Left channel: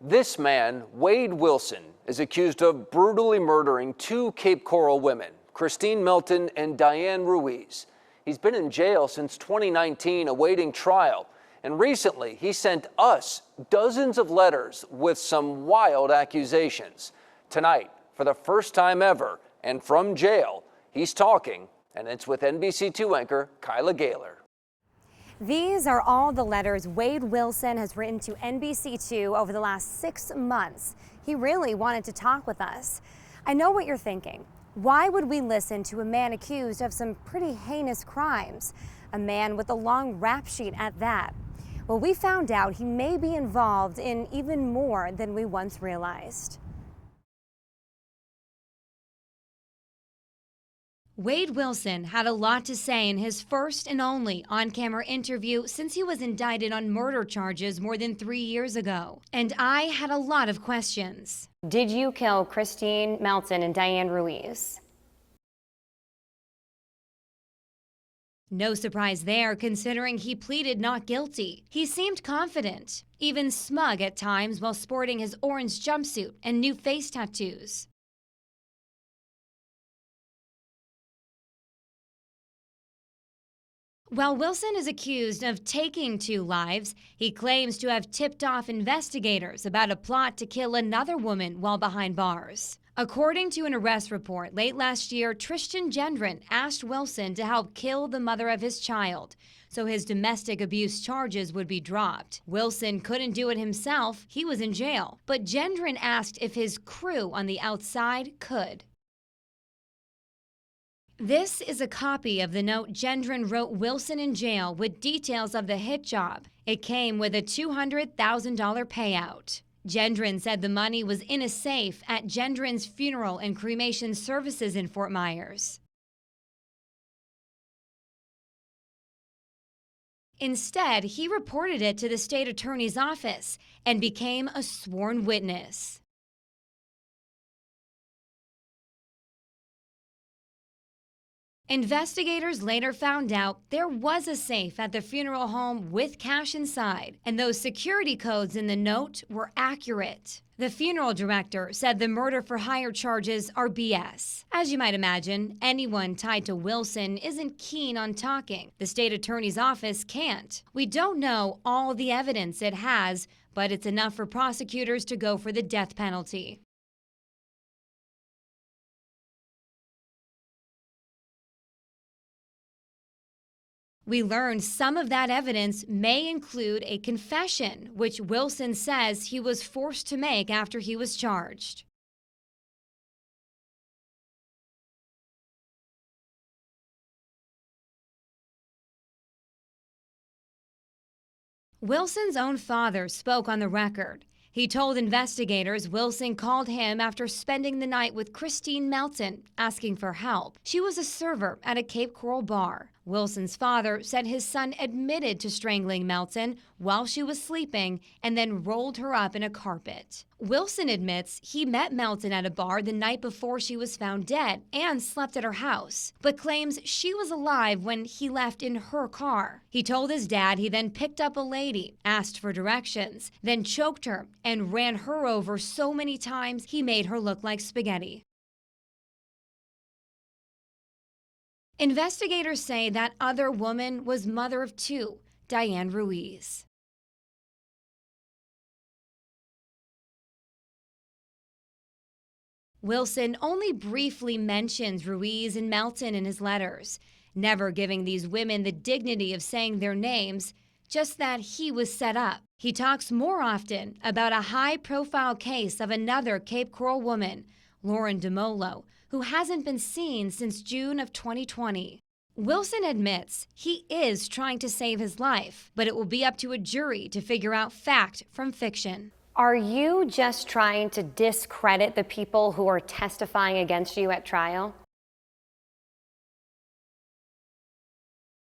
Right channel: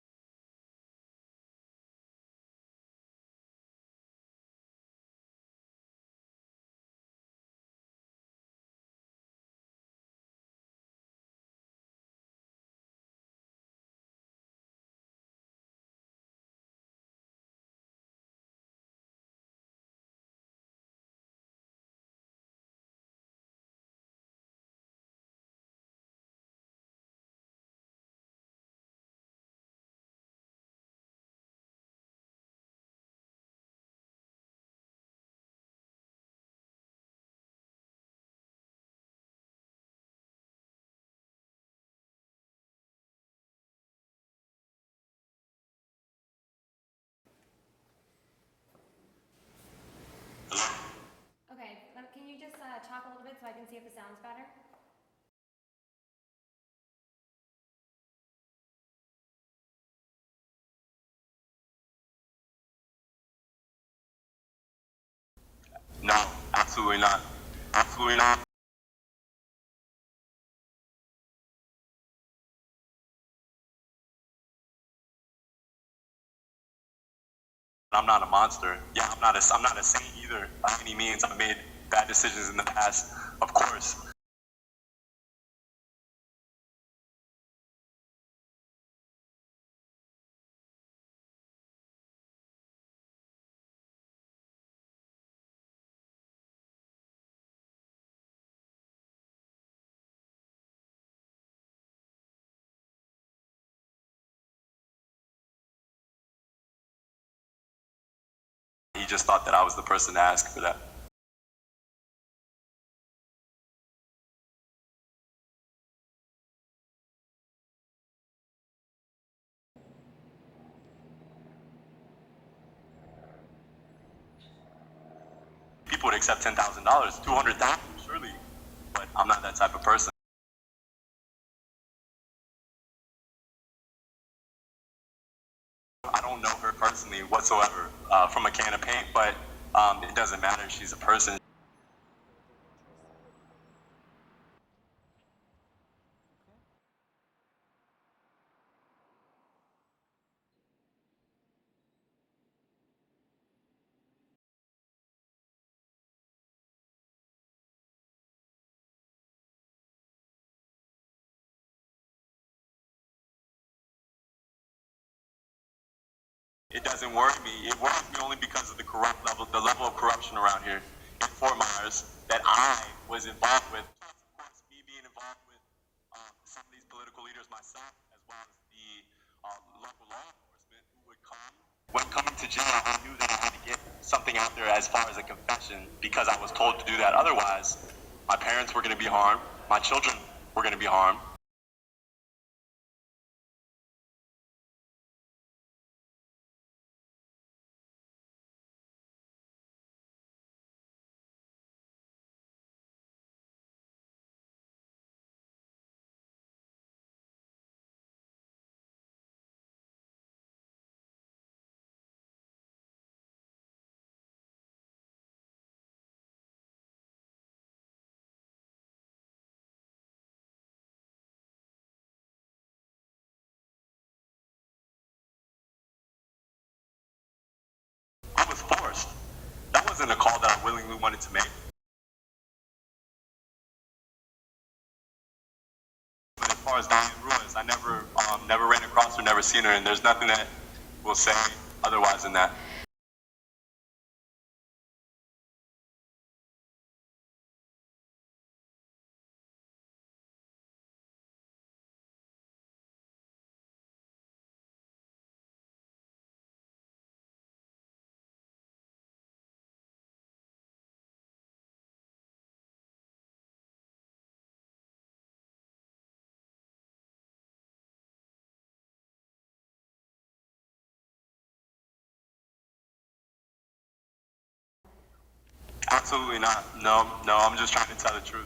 This man, Wade Wilson, is accused of brutally murdering two Cape Coral women, Christine Melton and Diane Ruiz. He's been in jail since 2019 awaiting trial, and recently he sent us dozens of letters with some wild accusations. Tonight, for the first time ever, and from jail, he's talking, and it's with NBC2 anchor Kyla Gaylor. These are all the letters Wade Wilson has written to NBC2 over the last 6 months. He really wanted to talk with us. I know what you're thinking. Why would we listen to a man accused of some pretty heinous crimes? A man with a long rap sheet at that. Well, we found out he may be involved in even more than we once realized. Wade Wilson had a lot to say in his first and only on-camera interview since he was indicted on murder charges more than 3 years ago. And I had a lot of questions. Did you kill Christine Melton and Diane Ruiz? No, absolutely not. Absolutely not. No surprise there, considering he pleaded not guilty. He seemed confident, even smug at times while sporting his orange jumpsuit and new face tattoos. I'm not a monster. Yeah, I'm not a saint either by any means. I've made bad decisions in the past, of course. While Wilson is accused of taking 2 lives, he claims to have tipped off investigators about a plot to kill another woman while behind bars. According to an arrest report late last year, Tristan Gendron asked Wilson to help kill the mother of his child, so his domestic abuse charges would be dropped. Wilson couldn't do it himself. He was in jail. But Gendron asked if his crew on the outside could. He just thought that I was the person to ask for that. This is a copy of the note Gendron wrote Wilson in jail with details of the hit job. It came with a $200,000 payout. Gendron said the money was in a safe at Gendron's funeral and cremation services in Fort Myers. People would accept $10,000, $200,000, surely, but I'm not that type of person. Instead, he reported it to the state attorney's office and became a sworn witness. I don't know her personally whatsoever from a can of paint, but it doesn't matter. She's a person. Investigators later found out there was a safe at the funeral home with cash inside, and those security codes in the note were accurate. The funeral director said the murder-for-hire charges are BS. As you might imagine, anyone tied to Wilson isn't keen on talking. The state attorney's office can't. We don't know all the evidence it has, but it's enough for prosecutors to go for the death penalty. It doesn't worry me. It worries me only because of the level of corruption around here in Fort Myers that I was involved with. We learned some of that evidence may include a confession, which Wilson says he was forced to make after he was charged. When coming to jail, I knew that I had to get something out there as far as a confession because I was told to do that. Otherwise, my parents were going to be harmed. My children were going to be harmed. Wilson's own father spoke on the record. He told investigators Wilson called him after spending the night with Christine Melton, asking for help. She was a server at a Cape Coral bar. Wilson's father said his son admitted to strangling Melton while she was sleeping and then rolled her up in a carpet. Wilson admits he met Melton at a bar the night before she was found dead and slept at her house, but claims she was alive when he left in her car. He told his dad he then picked up a lady, asked for directions, then choked her and ran her over so many times he made her look like spaghetti. I was forced. That wasn't a call that I willingly wanted to make. Investigators say that other woman was mother of 2, Diane Ruiz. As far as Diane Ruiz, I never ran across her, never seen her, and there's nothing that will say otherwise than that. Wilson only briefly mentions Ruiz and Melton in his letters, never giving these women the dignity of saying their names, just that he was set up. He talks more often about a high-profile case of another Cape Coral woman, Lauren DeMolo, who hasn't been seen since June of 2020. Wilson admits he is trying to save his life, but it will be up to a jury to figure out fact from fiction. Are you just trying to discredit the people who are testifying against you at trial? Absolutely not. No, I'm just trying to tell the truth.